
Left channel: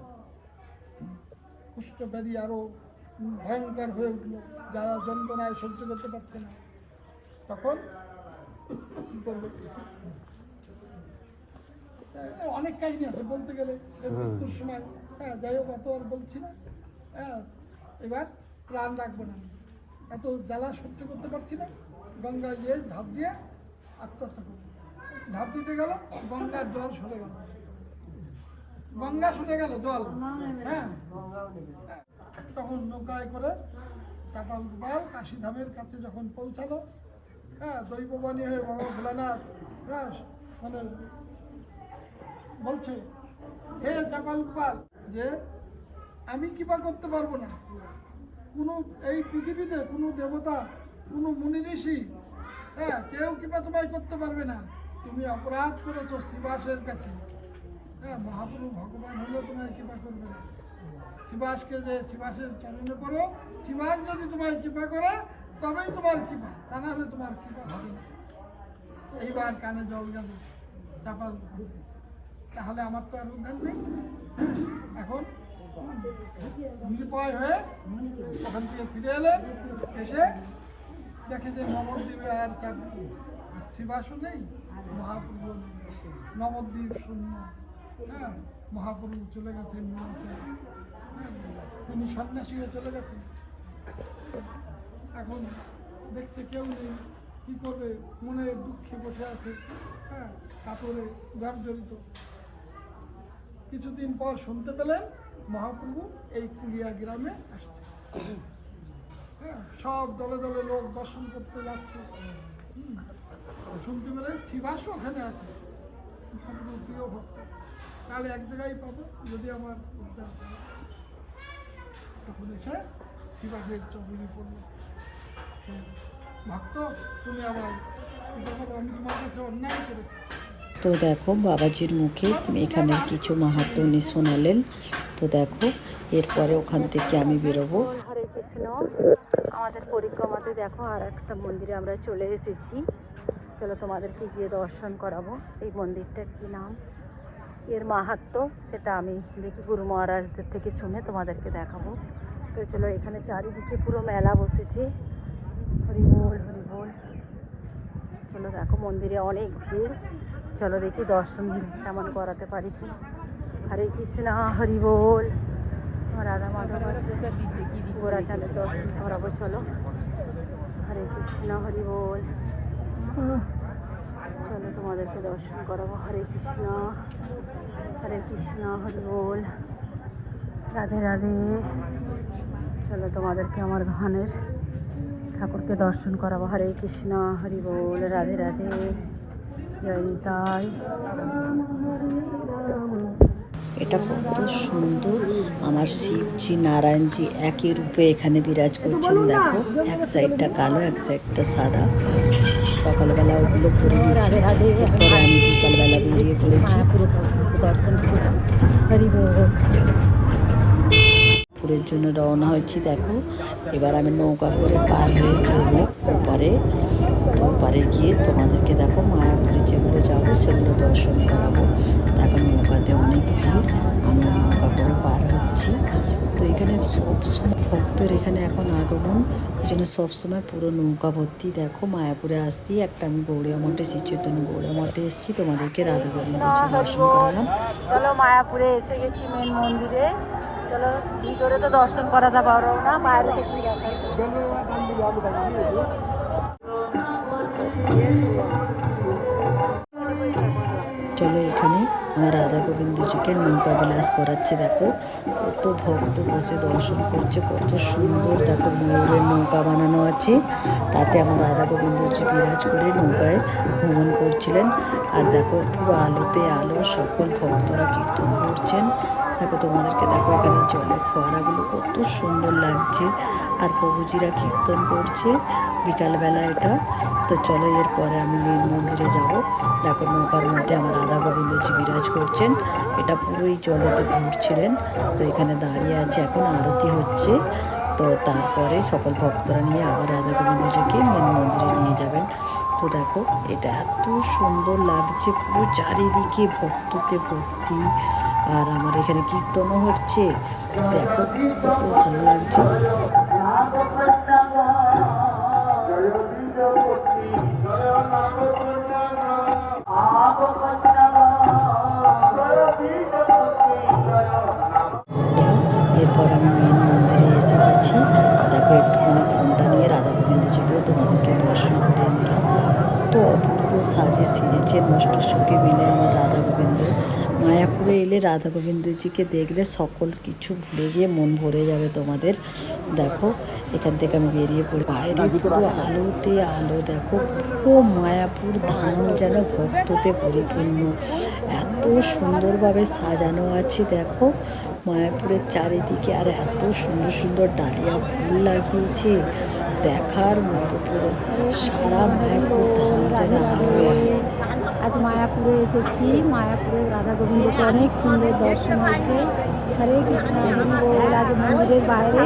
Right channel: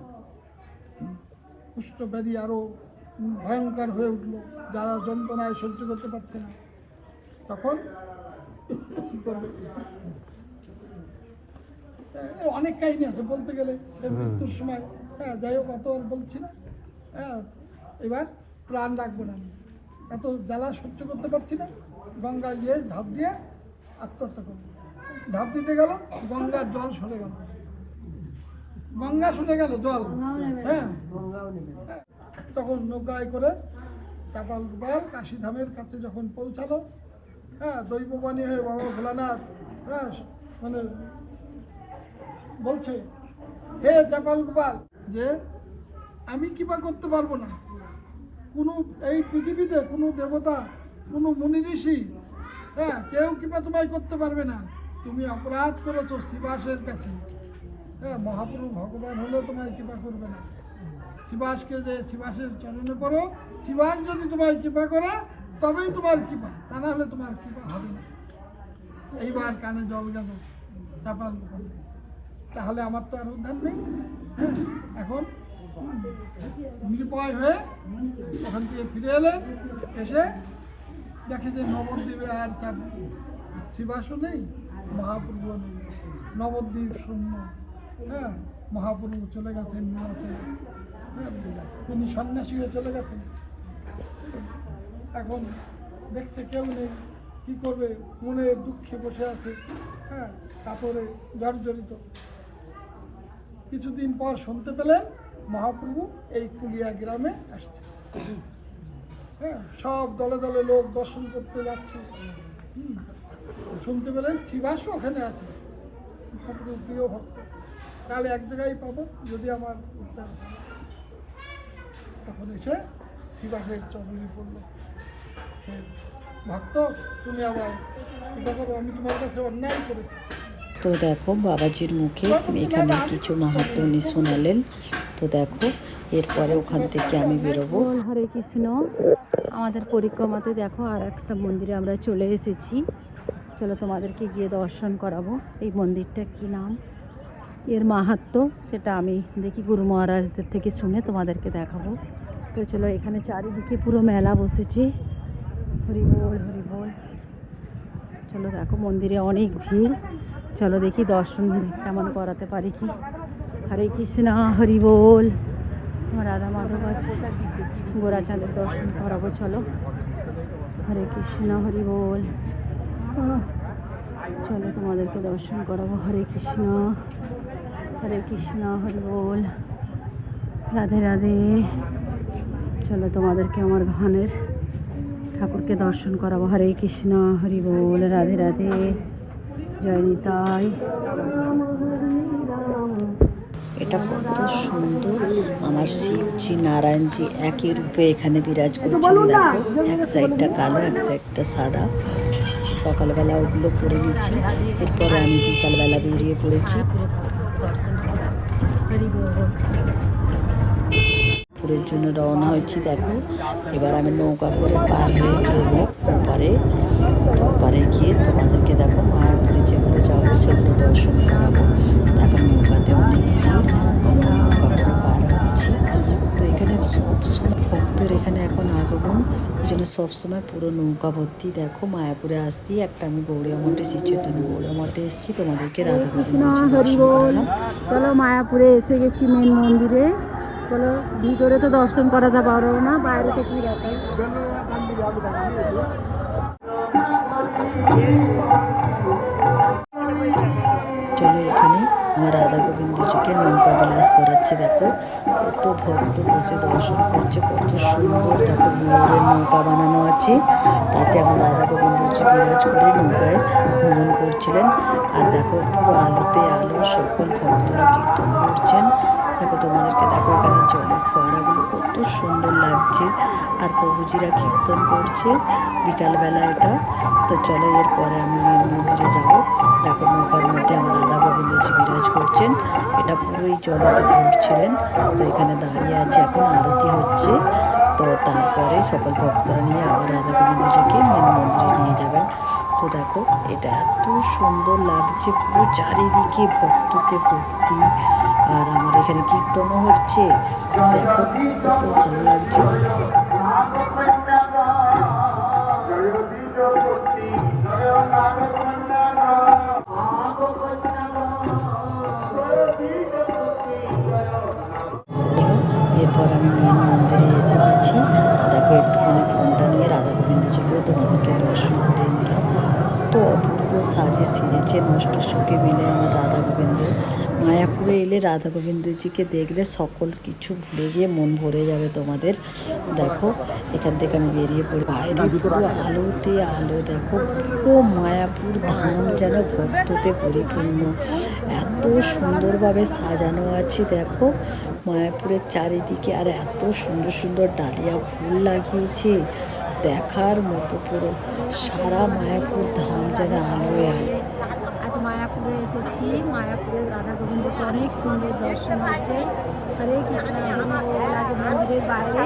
কুষ্ঠব্যাধি আরো ভয়ঙ্কর হয়ে উঠলো, যারা যন্ত্রণায় সহ্য করতে পারছে না, তখন কি করবে? অনেক কাহিনী আছে বলতে গেলে, সে মৃত্যুর সময়, হ্যাঁ, যাই হোক অত বলছি। হ্যাঁ, এবার প্রাণ রাখবো না, এত জ্বালা সহ্য করতে পারছি না, গঙ্গা গিয়ে ঝাঁপ দিয়ে আত্মহত্যা করবো। ঝাঁপ দিতে গেল, গঙ্গার জল সরে গেল, গঙ্গা সরে গেল জল। হ্যাঁ, তখন নৌকায় করে চাপাল গোপাল কাশীধামের কাছে যখন পৌঁছালো, হ্যাঁ, দৈববাণী হয়ে বাবা ভোলানাথ, হ্যাঁ, মানে বলছে, হে চাপাল গোপাল, যে আমি কৃপা করতে পারবো না, কোনো এই পৃথিবীতে কোনো দেবতা, কোনো মুনি ঋষি, হ্যাঁ, কেউ কৃপা তোমায় করতে পারবে না। তুমি অপরাধ করেছো শিবাসের কাছে। হ্যাঁ, মহাপ্রভু ভগবান হলেও তোমায় কৃপা করবে না। শিবাসকে যে শিবাসের চরণে পড়ো, শিবাস যদি তোমায় কৃপা করে তবেই তোমার কৃপা, তা না হলে তোমার কৃপা হবে না। এইবার কানে জল গেল চাপাল গোপাল, তাহলে আমার তো আর উদ্ধার নেই। হ্যাঁ, এখন নিরুপায় হয়ে ওখান থেকে ফিরে এলেন, এসে দেখে যে নবদ্বীপে আর শিবাসও নেই, মহাপ্রভু নেই, নবদ্বীপ শূন্য। হ্যাঁ, মহাপ্রভু চলে গেছেন নীলাচলে। হ্যাঁ, তিনি সন্ন্যাসী হয়ে চলে গেছেন। এখন দেখছে কেউ নেই, কি করবে, মনে দুঃখে বসে আছে, হ্যাঁ, কাপড়ে জর্জরিত। কিছুদিন পর শুনতে পেলেন মহাপ্রভু এই কুলিয়া গ্রামে আসছে। হ্যাঁ, সব দলে দলে লোক দর্শন করতে যাচ্ছে। শুনতে পেলেন শ্রীবাসও ওখানে আছে, মহাপ্রভুর প্রিয় ভক্ত। তাহলে এক জায়গায় পাবো যদি আমার উদ্ধার হয়। তখন এসে শ্রীবাসের চরণে পড়ল, ভক্ত তুমি আমার এটা করো, আমি তোমার কাছে অন্যায় করেছি। তো দেখো বাবাজির মুখে এখানের কিছু মাহাত্ম্য উনি শোনালেন। তো দেখো এরপরে ওখান থেকে আমি বেরোবো। হরে কৃষ্ণ। আমাদের পরিক্রমাতে দেখো আর একটা মন্দিরে আমরা চলে এসেছি। চলো তোমাদেরকে গিয়ে দর্শন করাবো। এই মন্দিরটা কি নাম, এর মাহাত্ম্য সেটা আমি দেখি গুরু মহারাজদের থেকে শুনে তোমাদেরকে দেখাবো। তো চলো, এখানে চারিদিকে পুরো মেলা বসেছে। হরি বল হরি বল। চলো দেখো মন্দিরে অনেক ভিড়। চলো দেখি দর্শন কেমন করাতে পারি কি। হরে কৃষ্ণ হরি বল। রাধা মাধব আছে, গোরাচাঁদের দর্শন করাবো। চলো হরে কৃষ্ণ হরি বল। চলো তোমাদেরকে দর্শন করাবো। হরে কৃষ্ণ হরি বল। রাধে রাধে। চলো তোমাদেরকে আমার ঘানের ঠাকুরকে দর্শন করাবো। হরে কৃষ্ণ হরি বল। রাধে রাধে। জয় নিতাই। এটা কত সুন্দর। আমার শিবজি নারায়ণজি একই রূপে এখানে বিরাজ করছেন। দেখো এক সাইডটা কালো, এক সাইডটা সাদা। সকালবেলা ওগুলো করে নিচ্ছি, এরপরে আমি বিকালবেলা বেরিয়ে পড়েছি দর্শন করবো। হরি বল। পুরের জন্য রওনা হয়েছি। দেখো এবার আমি নৌকা করে পার হয়ে যাব ওপারে। তো ওপারে গিয়ে তোমাদেরকে দেখো মায়াপুরে যেগুলো যাব সেগুলো দর্শন করাবো। দেখো নৌকাতে অনেক ভিড়, আমি নৌকা করে পার হচ্ছি। তো এখানে সবসময় ভক্তের এখানে এখন আগমন, ওই জন্য সবসময় পুরো নৌকা ভর্তি। দেখো মায়াপুরে আসতেই একটা আমি গৌড়িয়া মঠে, শ্রী চৈতন্য গৌড়িয়া মঠে এসেছি। তোমাদেরকে রাধা গোবিন্দ দর্শন করালাম। চলো মায়াপুরে এসে গেছি মেন মন্দিরে। চলো ভিতরে তো দর্শন করাতে পারো না, বাইরে তো কি দেখাই। চলো এখানে আমার রাধা গোবিন্দজিকে নৌকা বিলাস করাচ্ছে। দেখো কত ভক্ত বসে দর্শন করছে, কত সুন্দর। দেখো ময়ূরের নৌকা বানানো আছে, তাতে আমার রাধা গোবিন্দজি বিরাজ করে নৌকায় ভ্রমণ করছিলেন। আর দেখো পুরো আলোতে আলো, সকল ভক্তরা কীর্তন করছেন। দেখো তোমাদেরকে দেখো এখানে জলের ফোয়ারাগুলো কত সুন্দর লাগছে, আর প্রভুজিরা কীর্তন করছে বিকালবেলা এটা। তো চলো এরপরে আমি মেন মন্দিরে যাব। দেখো নৌকার মধ্যে আমার রাধা গোবিন্দজি বিরাজ করছেন, এটা পুরোই জলেতে ঘুরছিলেন। তো এখানে দাঁড়িয়ে আছে, এখন আরতি হচ্ছে। তো তারপরে সকল ভক্তরা নিয়ে আবার রাধা গোবিন্দজিকে মেন মন্দিরে নিয়ে যাবেন। তো দেখো এটা এত সুন্দর লাগছে, পুরো চারিদিকে ভক্ততে ভর্তি। আর আমার এখানে কীর্তনও হচ্ছে, দেখো কত ভালো লাগছে। এরপর আমি মেন মন্দিরে এসে গেছি। দেখো একটুখানি ফোনটা নিয়ে রাধা গোবিন্দজিকেও তোমাদেরকে দর্শন করে নিলাম। তো অপূর্ব সাজে সেজেছে, নষ্ট সুখে মিলে আমার রাধা গোবিন্দ। মায়াপুরে এলে রাধা গোবিন্দজিকে দেখলে সকল কিছু ভুলে গিয়ে মন ভরে যাবে তোমাদের। দেখো এখান থেকে আমি বেরিয়ে পড়ি, বাইরে পুরো আলোতে আলো। দেখো পুরো মায়াপুর ধাম যেন ভক্ততে পরিপূর্ণ, এত সুন্দরভাবে সাজানো আছে। দেখো মায়াপুরের চারিদিকে, আর এত সুন্দর সুন্দর ডালিয়া ফুল লাগিয়েছে, দেখার মতো। পুরো সারা মায়াপুর ধাম যেন আলোয় আলো। আজ মায়াপুরে এসেছি। মায়াপুরে রাধা গোবিন্দকে অনেক সুন্দর দর্শন হয়েছে। হরে কৃষ্ণ হরি বল। আজ মন্দিরের বাইরে।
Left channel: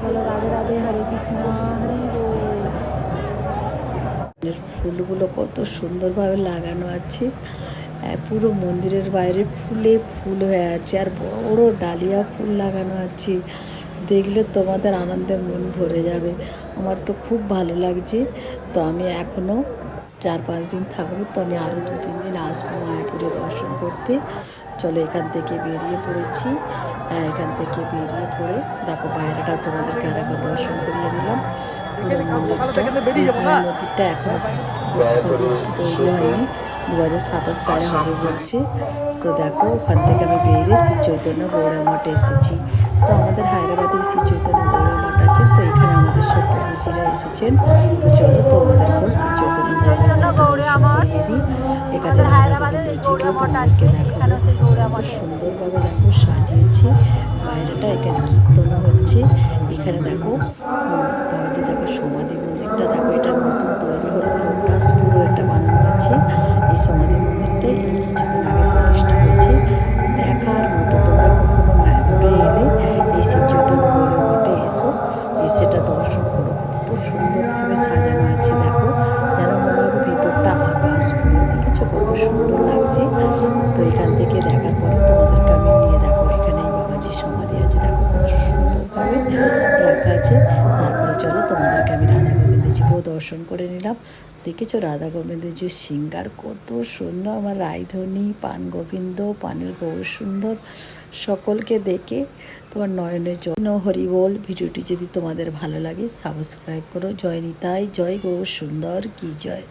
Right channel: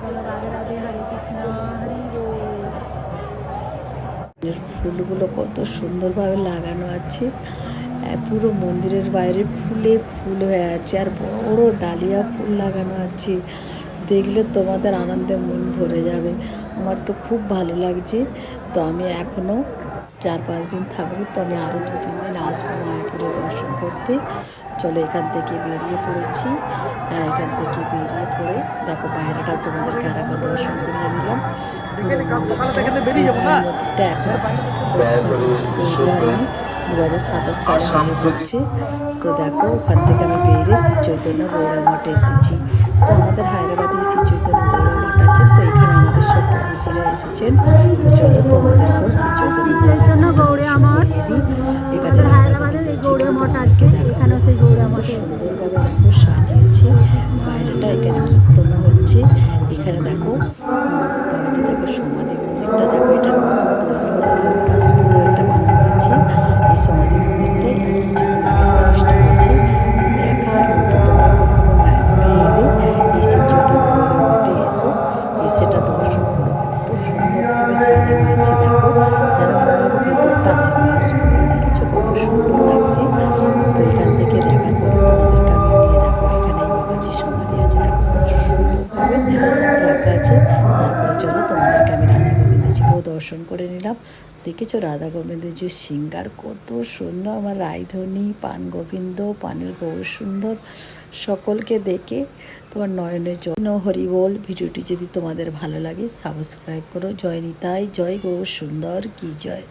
চলো রাধে রাধে। হরে কৃষ্ণ হরি বল। ফুলগুলো কত সুন্দরভাবে লাগানো আছে, পুরো মন্দিরের বাইরে ফুলে ফুল হয়ে আছে, আর বড় বড় ডালিয়া ফুল লাগানো আছে। দেখলে তোমাদের আনন্দে মন ভরে যাবে। আমার তো খুব ভালো লাগছে। তো আমি এখনও 4-5 দিন থাকবো, তো আমি আরও 2-3 দিন আসবো মায়াপুরে দর্শন করতে। চলো এখান থেকে বেরিয়ে পড়েছি। এখান থেকে বেরিয়ে পড়ে দেখো বাইরেটা তোমাদেরকে আরেকবার দর্শন করিয়ে দিলাম। পুরো মন্দিরটা, এই মন্দিরটা এখনও পুরোভাবে তৈরি হয়নি, 2027 সালে হবে বলছে। তো দেখো ওখান থেকে আমি বেরিয়ে শ্রী চৈতন্য গৌড়া মঠে এসেছি। তো আমাদের হায়দ্রাবাদে শ্রী চৈতন্য গৌড়া মঠ আছে, তো এখানে আমাদের সব প্রভুজিরা এসেছেন। তো চলো তোমাদেরকেও শ্রী চৈতন্য গৌড়া মঠটা দর্শন করিয়ে দিই। এখানে রাধা গোবিন্দজিকে তোমাদেরকে দেখাবো, কত সুন্দরভাবে দেখো সাজিয়েছে বাইরেটা। এখানে কীর্তনও হচ্ছে। এখানে দেখো বাবাজি, দেখো সমাধি মন্দিরটা দেখো, এটা নতুন তৈরি হলো, লোটাস পুরো এটা বানানো আছে। এই সমাধি মন্দিরটা এই কিছুদিন আগে প্রতিষ্ঠা হয়েছে, দেখার মতো। তোমরা কখনো মায়াপুরে এলে এই শ্রী চৈতন্য গৌড় মঠে এসো, এসেটা দর্শন করো। কত সুন্দরভাবে সাজানো আছে দেখো, যেন মনে হবে ভিতরটা আকাশ পুরো। দেখেছো কত সুন্দর লাগছে। তো এখান থেকে দেখার পরে তোমাদেরকে আমি নিয়ে দেখো, এখানে এই বাবাজির সমাধি আছে দেখো, কত সুন্দরভাবে রাখা আছে। তারপরে চলো তোমাদেরকে আমি রাধা গোবিন্দজিকেও দর্শন করে নিলাম। দেখেছো রাধা গোবিন্দজির সিঙ্গার কত সুন্দর, আমার রায়ধনী, পান গোবিন্দ, পানের গৌর সুন্দর। সকলকে দেখে তোমার নয়নের জন্য হরি বল। ভিডিওটি যদি তোমাদের ভালো লাগে সাবস্ক্রাইব করো। জয় নিতাই, জয় গৌর সুন্দর কি জয়।